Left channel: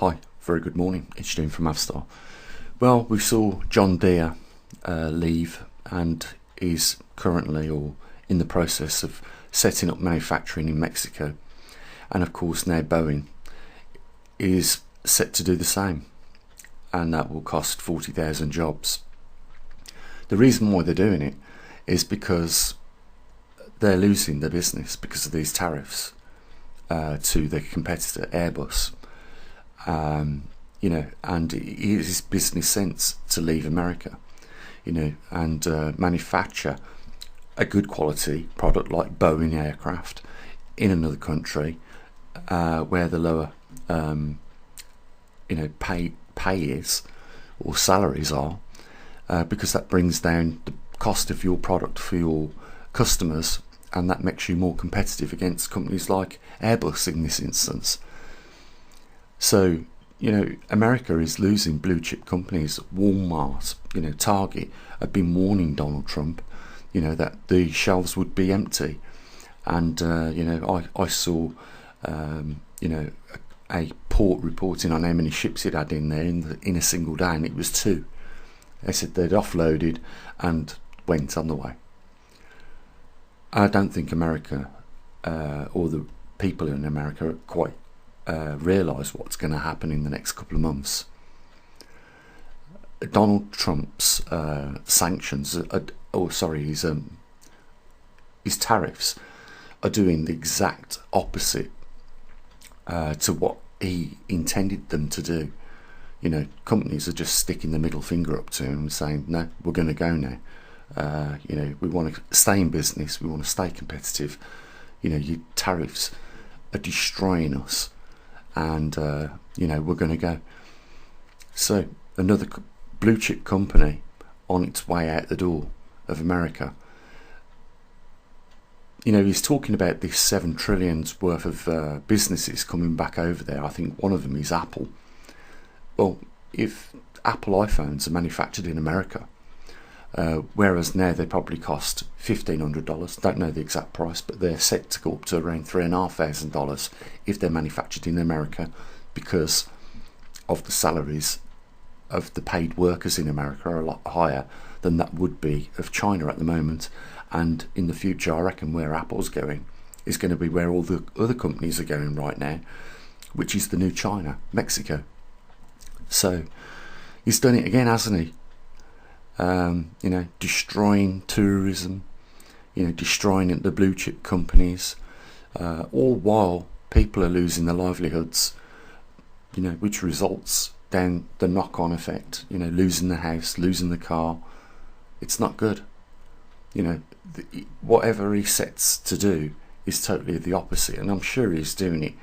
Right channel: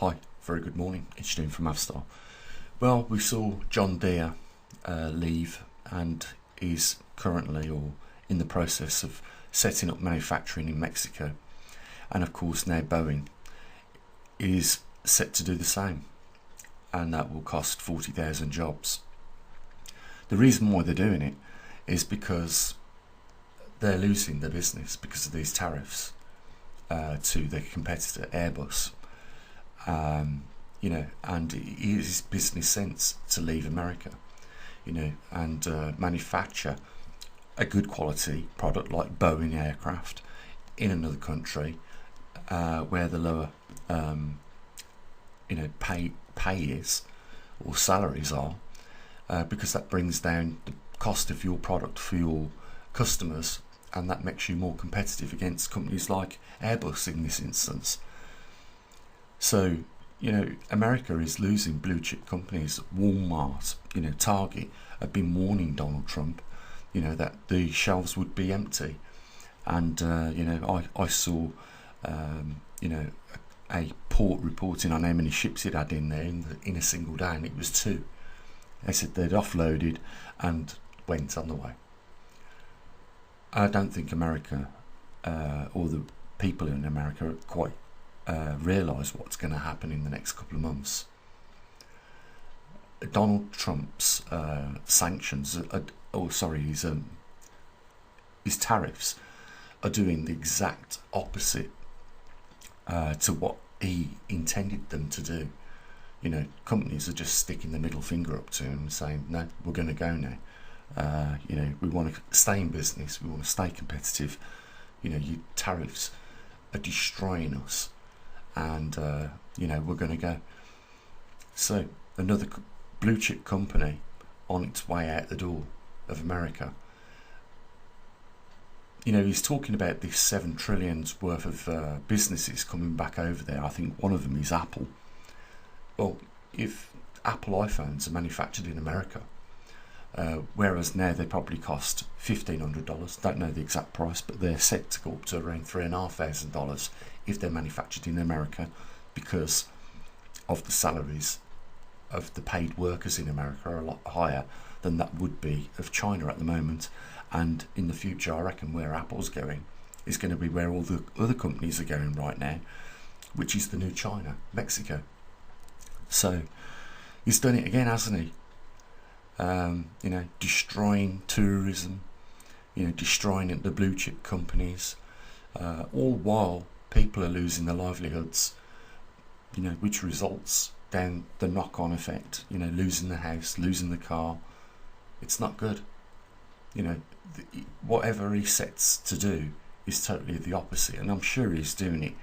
Hi, very good morning. It's Jim from Avstar. Well, we saw John Deere leave and is currently or in the process of setting up manufacturing in Mexico. And of course now Boeing is set to do the same, and that will cost 40,000 jobs. The reason why they're doing it is because they're losing their business because of these tariffs to their competitor Airbus. And it is business sense to leave America, and manufacture a good quality product like Boeing aircraft in another country where the lower, pay is or salaries are, because that brings down the cost of your product for your customers, and that makes you more competitive against companies like Airbus in this instance. So, America is losing blue chip companies. Walmart, Target have been warning Donald Trump, that the shelves would be empty. And, I saw, a port reporting on how many ships it had in there in a single day, and it was 2. They said they'd offloaded and went on the way. I don't think America or the people in America quite realise what's going to happen in the next couple of months. Donald Trump's sanctions, his tariffs are doing the exact opposite to what he intended them to do. Companies are just sticking the middle finger up to him and saying, no, we're going to go now. We want to stay in business, we want to stay competitive. Your tariffs are destroying us, and we're going to go. So another blue chip company on its way out the door of America. He's talking about this 7 trillion worth of businesses coming back over there. I think one of them is Apple. Well, if Apple iPhones are manufactured in America, whereas now they probably cost $1,500, don't know the exact price, but they're set to go up to around $3,500 if they're manufactured in America, because of the salaries of the paid workers in America are a lot higher than that would be of China at the moment. And in the future, I reckon where Apple's going is going to be where all the other companies are going right now, which is the new China, Mexico. So he's done it again, hasn't he? Destroying tourism, destroying the blue chip companies, all while people are losing their livelihoods, which results down the knock-on effect, losing the house, losing the car. It's not good. Whatever he sets to do is totally the opposite, and I'm sure he's doing it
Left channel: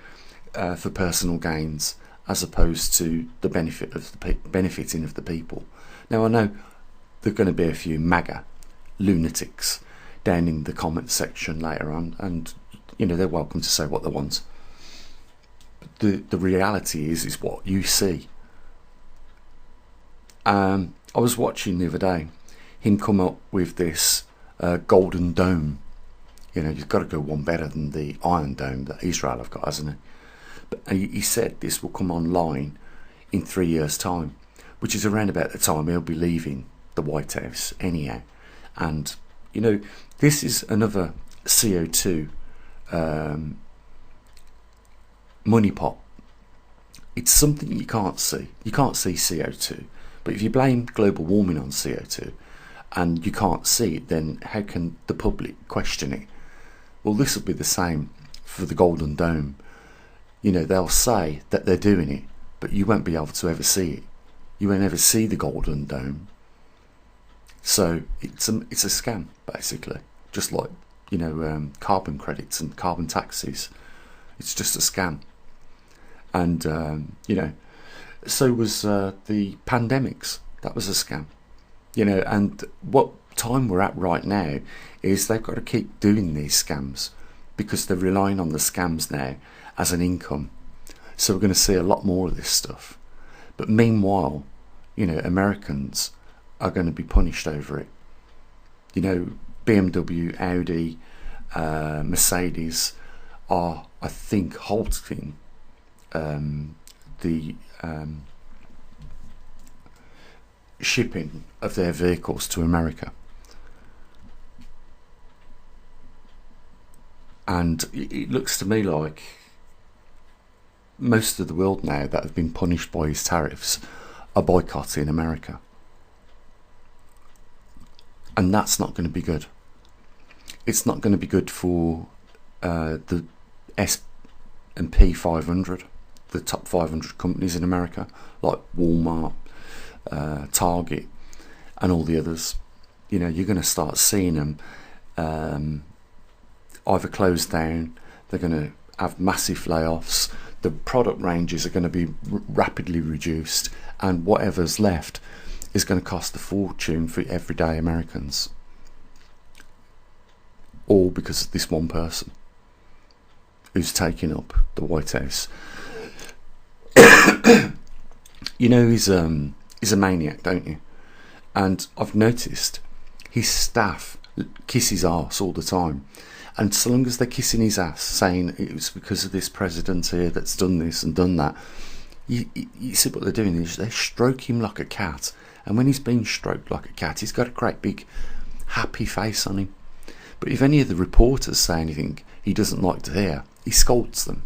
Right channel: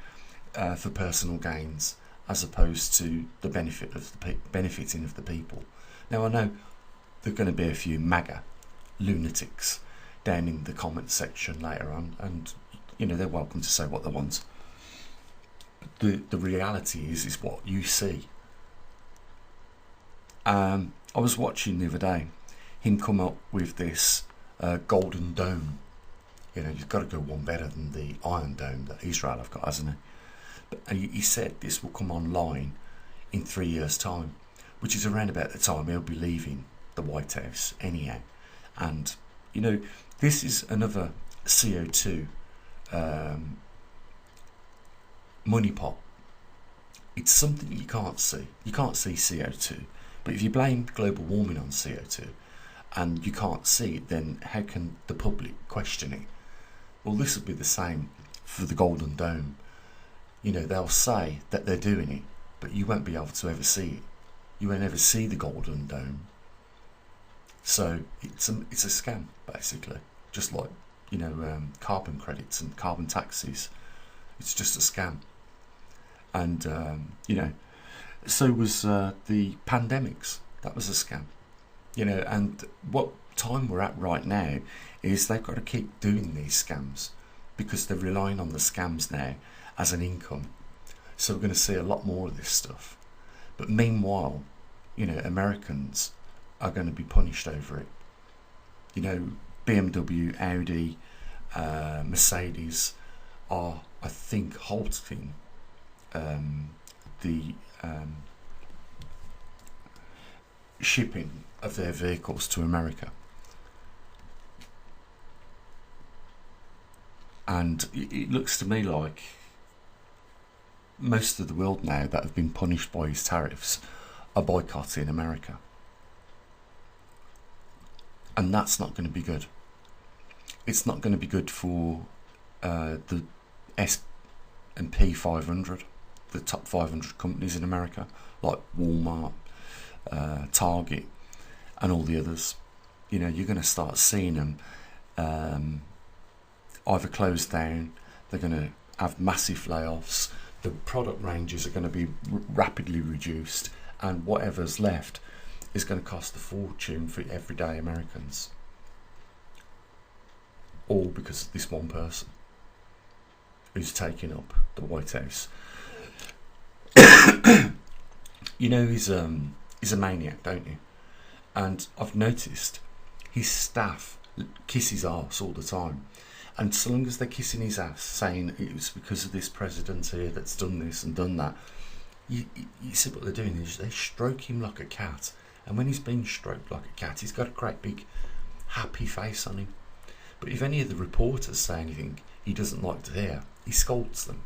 for personal gains as opposed to the benefiting of the people. Now, I know there are going to be a few MAGA lunatics down in the comment section later on, and they're welcome to say what they want. But the reality is what you see. I was watching the other day him come up with this golden dome. You've got to go one better than the Iron Dome that Israel have got, hasn't he? But he said this will come online in 3 years' time, which is around about the time he'll be leaving the White House anyhow. And this is another CO2 money pot. It's something you can't see. You can't see CO2, but if you blame global warming on CO2 and you can't see it, then how can the public question it? Well, this will be the same for the Golden Dome. They'll say that they're doing it, but you won't be able to ever see it. You won't ever see the Golden Dome. So it's a scam, basically, just like carbon credits and carbon taxes. It's just a scam. And so was the pandemics. That was a scam. And what time we're at right now is they've got to keep doing these scams because they're relying on the scams now as an income. So we're going to see a lot more of this stuff. But meanwhile, Americans are going to be punished over it. BMW, Audi, Mercedes are, I think, halting the shipping of their vehicles to America. And it looks to me like most of the world now that have been punished by his tariffs are boycotting America. And that's not going to be good. It's not going to be good for the S&P 500, the top 500 companies in America, like Walmart, Target, and all the others. You know, you're going to start seeing them either close down, they're going to have massive layoffs, the product ranges are going to be rapidly reduced, and whatever's left is going to cost a fortune for everyday Americans. All because of this one person who's taking up the White House. You know, he's a maniac, don't you? And I've noticed his staff kiss his arse all the time. And so long as they're kissing his ass, saying it was because of this president here that's done this and done that, you see what they're doing is they stroke him like a cat. And when he's being stroked like a cat, he's got a great big happy face on him. But if any of the reporters say anything he doesn't like to hear, he scolds them.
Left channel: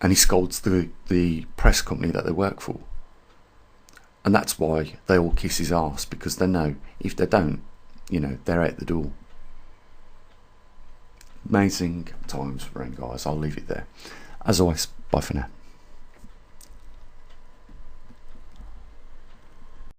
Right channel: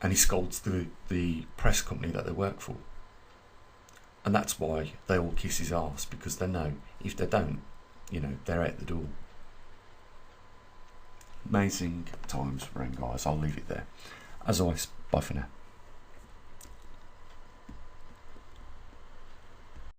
And he scolds the press company that they work for. And that's why they all kiss his arse, because they know if they don't, you know, they're out the door. Amazing times for him, guys. I'll leave it there. As always, bye for now.